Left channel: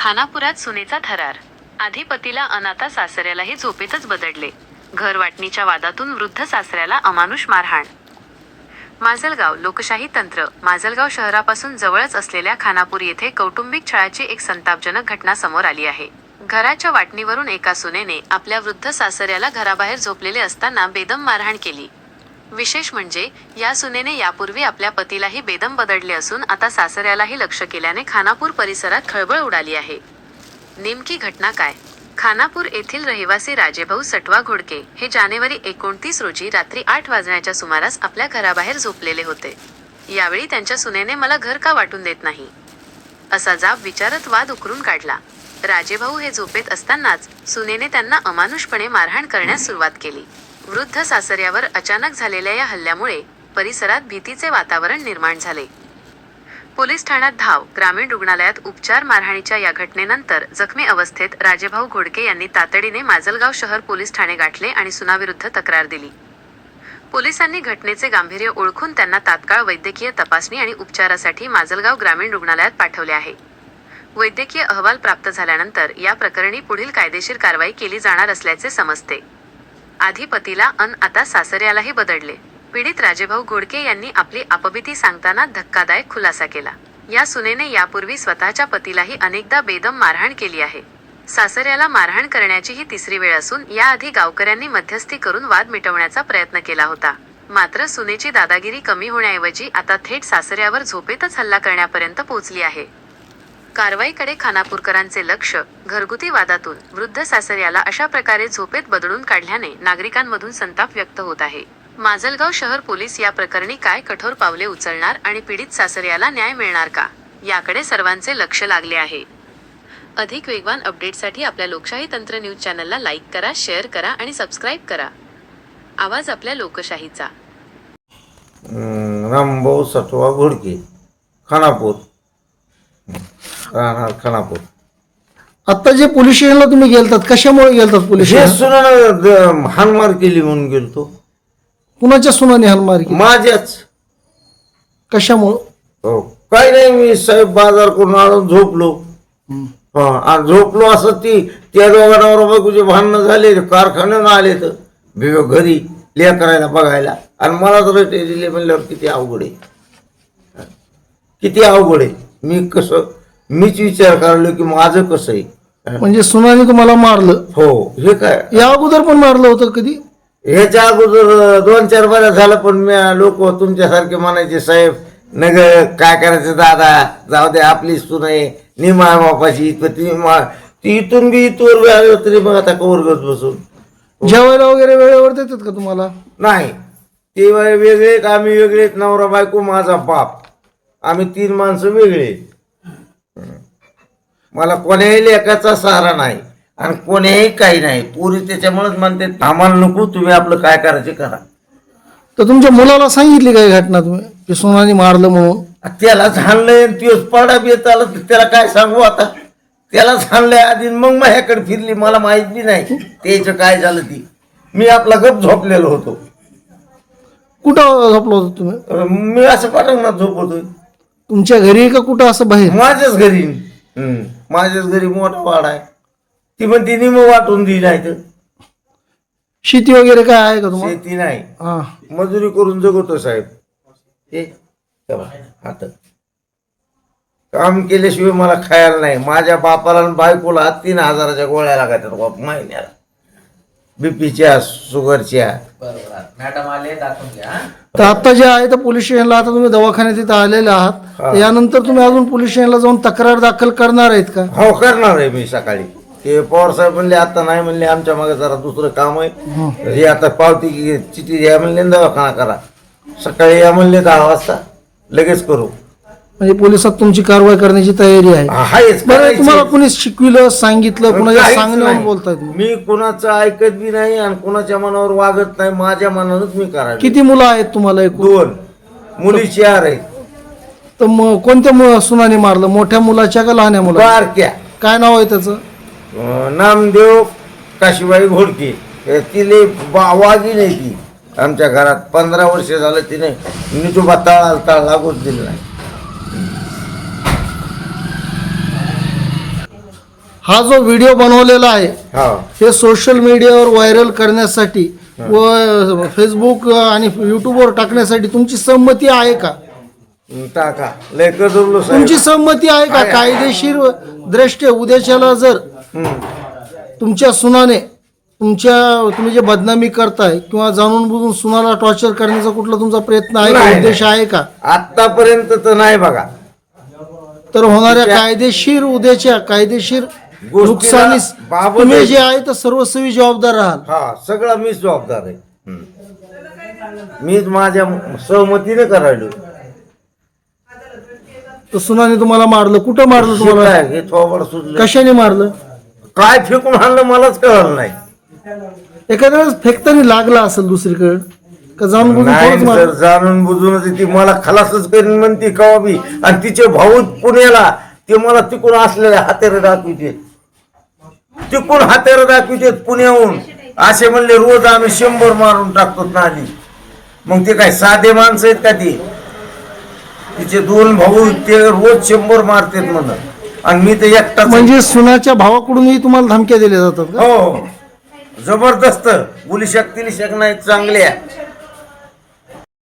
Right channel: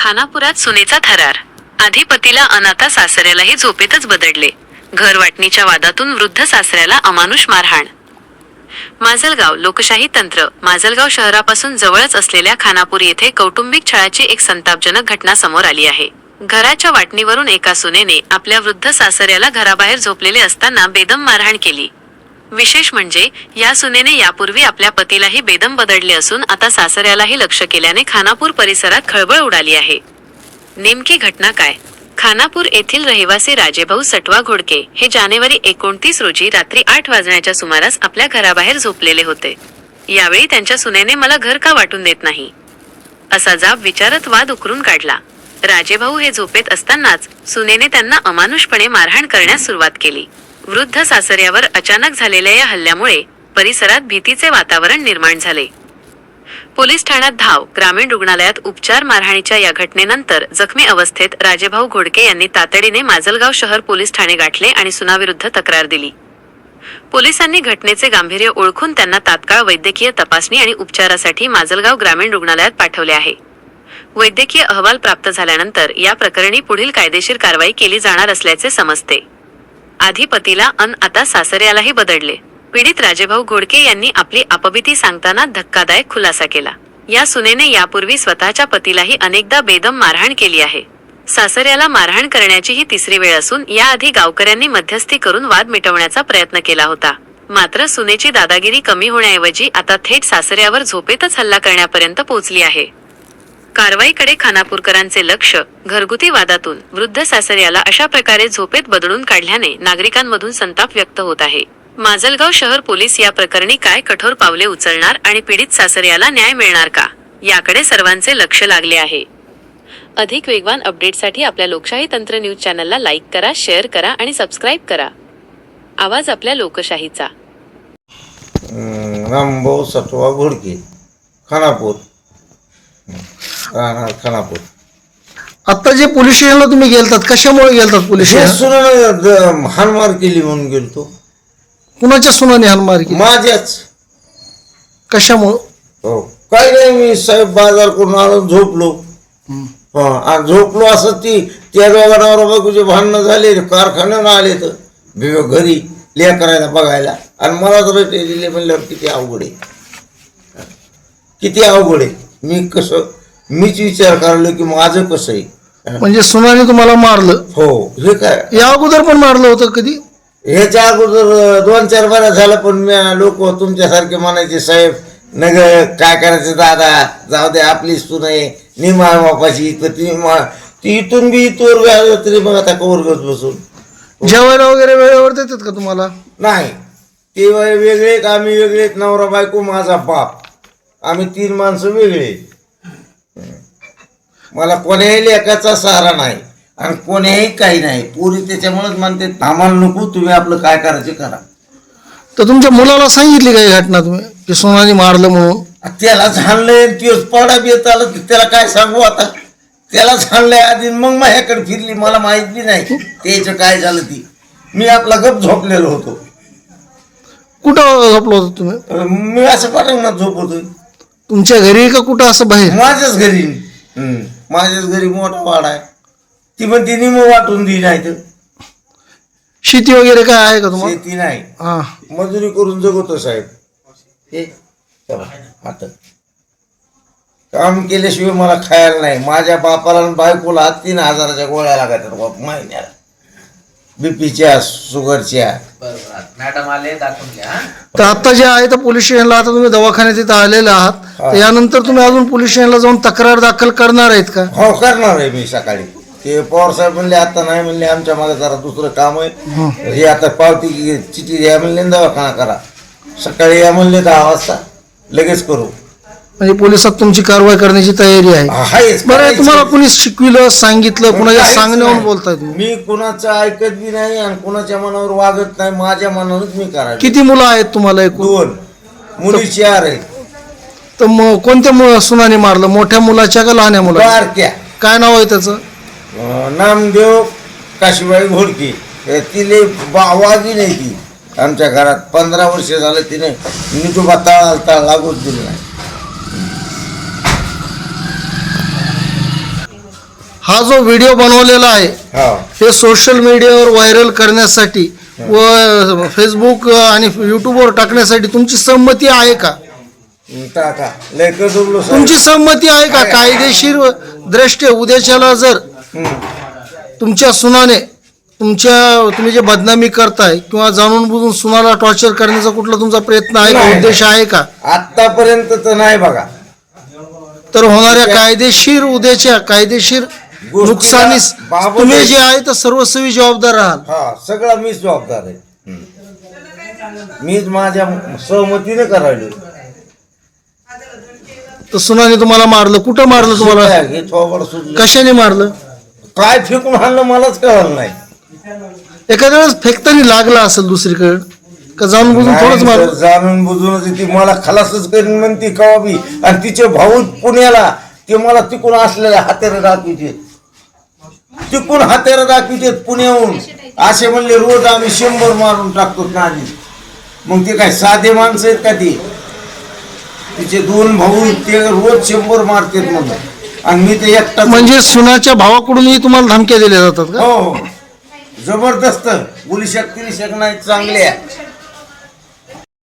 खानापुरात सुनेचा थरार. आधी पतीला अनाथा सासऱ्यालाही झोपेतच बदडले. घर वाटणीच्या वादातून वृद्ध सासऱ्याला अमानुष मारहाण. माजलगाव लोकशाही तंत्र. माजलगाव शहरापासून जवळच असलेल्या खानापूर येथे कौटुंबिक छळाची एक संतापजनक घटना समोर आली आहे. घराच्या वाटणीवरून एका सुनेने आपल्या वृद्ध सासऱ्याला घराबाहेर झोपलेले असताना बेदम मारहाण केली. विशेष म्हणजे या सुनेने यापूर्वी आपल्या पतीलाही बेदम बदडले असून आता सासऱ्यालाही लक्ष केल्याने खानापूर परिसरात खळबळ उडाली आहे. नेमकी घटना काय? खानापूर येथील रहिवासी राजेभाऊ सटवा घोडके हे जानेवारी एकोणतीस रोजी रात्री आठ वाजण्याच्या सुमारास आपल्या घराबाहेर झोपलेले होते. यावेळी त्यांच्या सुनेने मला घर का वाटून देत नाही? असा जाब विचारत वाद उकरून काढला. राजेभाऊ हे झोपेत असतानाच सुनेने त्यांना अमानुषपणे मारहाण करण्यास सुरुवात केली. वृद्ध सासऱ्यावर अचानक झालेल्या या हल्ल्यामुळे परिसरात भीतीचे वातावरण निर्माण झाले. पोलीस ठाण्यात धाव ग्रामीण रुग्णालयात उपचार मारहाणीच्या या घटनेनंतर जखमी अवस्थेत राजेभाऊ घोडके यांनी तातडीने माजलगाव शहर पोलीस ठाणे गाठले आणि सुनाविरुद्ध तक्रार दिली. पोलिसांनी घटनेचे गांभीर्य ओळखून त्यांना तात्काळ वैद्यकीय तपासणी आणि उपचारासाठी माजलगाव ग्रामीण रुग्णालयात पाठवले आहे. वैद्यकीय अहवाल प्राप्त झाल्यानंतर या प्रकरणी पुढील कायदेशीर कारवाई केली जाणार असल्याचे समजते. आधी पतीला अन आता सासऱ्यालाही बदडले. पीडित राजेभाऊ घोडके यांनी आपली अपभीती सांगताना धक्कादायक खुलासा केला. या सुनेने यापूर्वी स्वतःच्या पतीलाही अनेकदा बेदम मारहाण केली आहे. सासऱ्याला मारहाण करण्याची ही तिसरी वेळ असून याआधी गावकऱ्यांनी मध्यस्थी करून वाद मिटवण्याचा प्रयत्न केला होता. मात्र सुनेची दादागिरी कमी होण्याऐवजी आता थेट सासऱ्यावर झोपेतच हल्ला करण्यापर्यंत पोहोचली आहे. कारवाईकडे खानापूरकरांचे लक्ष घरगुती वादातून वृद्ध सासऱ्याला अशा प्रकारे झोपेत बदलून काढल्याने नागरिकांमधून संताप व्यक्त होत आहे. माजलगाव शहर पोलीस या प्रकरणी काय कठोर पावले उचलणार आणि पीडित सासऱ्याला न्याय मिळणार का? याकडे सर्वांचे लक्ष लागले आहे. अधिक वेगवान अपडेटसाठी आपल्या लोकशाही तंत्र न्यूज चॅनलला लाईक करा शेअर करा आणि सबस्क्राईब करा. आवाज आपल्या लोकशाहीचा. रामभाऊ सत्वा घोडके खानापूर. राहणार खानापूर. आता जे पोलीस स्टेशनला तुम्ही गेलतात कशामुळे गेलतात पोलीस हे स्टेशन? सुनानं हानमार केली म्हणून गेलतो. कुणाच्या सुनाने हानमार केली? माझ्याच. कशामुळं? हो काही नाही मी साहेब बाजार करून आलो झोपलो. हा आणि झोपलो असं ती त्या दोघांवर बायकोचे भांडणं झाले कारखान्यानं आले तर. भिव घरी लेकरायला बघायला. आणि मला तर रेटे दिले म्हणल्यावर किती अवघड आहे. किती अवघड आहे. मी कसं मीच विचार करलो की माझं कसं आहे? म्हणजे सुनाने तुम्हाला मारलं? हो हे काय? या अगोदर पण मारलं होतं कधी? ह्याच्या अगोदर दोन चार बऱ्या झालं पण मी लोक तुमच्यासारखे म्हणायचे साहेब नग काय करायचं दादा? जाऊ दे आपली सून आहे. निमा बापाची तर ती मा ती इथून बी इथवर तरी मग आता कवरगत बसून. जेवायला वगैरे वेळेवर देतात का तुम्हाला? नाही. ते वेगळे आम्ही वेगळे आहेत, नवरा बायको माझा बाप. आम्ही तीन माणसं वेगळे. मला कोण्याही लेखाचा सहारा नाही आणि कोण्याही काही नाही. पुरी त्याच्यामुळेच म्हणते आम्हाला नको तुम्ही आपलं काय करायचे करा. तर तुमच्या मुलाला सांगितली काही घटना तुम्ही? की सोनाने मारलं म्हणून? त्याला झाडलंय तीच पडा येत आलं तर त्याला काय सांगू आता? त्याला झाडलंय आधी मग माझ्याकडे फिरली मला माहीत बी नाही. त्याचं काय झालं ती? मी आपला गप झोपलेलो होतो. कुठं झोपलो होतो तुम्ही? मी असं पटंगणात झोपतोय. तुमच्या घरी का कुठं असं बाहेर? माझ्याच घरी. हम्म. माझ्याच घरी मोठा वाडा आहे. ती पण तिने मग वाटून दिली नाही तर. शेती वगैरे काय आहे का तुम्हाला? शेती नाही. हा. मजुरी करून जगवतो साहेब. हे तेव्हा, काम केल्याशिवाय मला खायला नाही. माझ्या बापाला आणि बायकोला तीन हजाराच्या गोळ्या लागतात बाप महिन्याला. बीपीच्या शुगरच्या. तर आता जे आहे तर पोलीस स्टेशनला आता तुम्ही दवाखान्यात इथं आलेले आहात. तर यानंतर तुम्ही अजून पोलीस स्टेशनला जाऊन तक्रार दाखल करणार आहेत का? हो करणार आहे मी सकाळी. ते पवार साहेब म्हणले आता नाही म्हणले आमच्या मागे जरा दुसरं काम आहे. हे. आता पावती चिठी द्या म्हणले आणि दवाखाना करा. सकाळी या म्हणले दहा वाजता. लगेच करू. म्हणजे पोलिसात तुमची कारवाई करण्याची तयारी आहे. आहेच बरं करायची. तुम्हाला कोणी शिकविलं सांगितलं कुणाच्या काहीच सांगण्यावर नाही. बोलताय तुम्ही? मी कुणाचं ऐकत बी नाही आणि कुणाच्या मनावर वागत नाही माझ्या मनानच मी करायला किती मुलं आहेत तुम्हाला एकूण? दोन. मुली चार आहेत. तर मग कोणत्या मु- सुनाने मारलं? मोठ्या मुलाच्या का लहान्या मुला बारक्या. काय नाव आहे त्याचं? अं, नामदेव काशीबाई घोडके. हे तिले बा- वागी नाही ती. आमच्या घरात पंधरा वर्ष झालं तिने निटुबा तळा तळ लागूच दिलं नाही. हा जो व्हिडिओ बनवलेला आहे हा. सोशल मीडियावर व्हायरल करण्यासाठी व फेसबुक आणि युट्यूबवर टाकण्यासाठी तुमची संमती आहे का? टाका. तुमची संमती आहे का. कायदेशीर दृष्ट्या उद्याच्याला जर. तुमच्या सुनाने तुमच्या तुम्ही जे बदनामी करताय किंवा जाणून बुजून सुनाला टॉर्चर करण्याचा कुठला तुमचा प्रयत्न आहे का? उद्देश आहे का? आतापर्यंत तर नाही बघा. तर होणाऱ्या कायदेशीर उद्याच्या कायदेशीर नुकसानीस बाबत तुम्ही. जे आहे तर सर्वस्वी जबाबदार राहाल. हा सगळा मीच जबाबदार आहे. मीच माझ्या सहमतीने करायलो. तर सुनाने तुम्हाला मारलं. कुठं मारलं तुम्हाला? हे थोबड कशाने मारलं? काय फेकून आणलं मलाच कळलं नाही. एखाद्या वेळेस फेकताना लागला असेल दुसरीकडे का जाणून बुजून थोडंच नाही, मारलं? जर जाणून बुजूनच ती मला खलासच करीन म्हणते कवा बी. आणि तिचे भाऊ पुण्याला ते मला तिकून असलेले हातेरे दाखविते तिकून हातेरे दाखविते पुण्याहून. असे म्हणले रोज आम्ही शंभर मारून टाकतो आधी मग ते काय साधे माणसं आहेत का ते? तिचे दोन भाऊ ते रोज शंभर मारतात म्हणून. आणि मी ते एकटा म्हणजे सुनाच्या भावाकडूनही तुम्हाला धमक्या दिल्या जातात का? हो जबरदस्त. बोली शकतील शक नाही चांगल्या.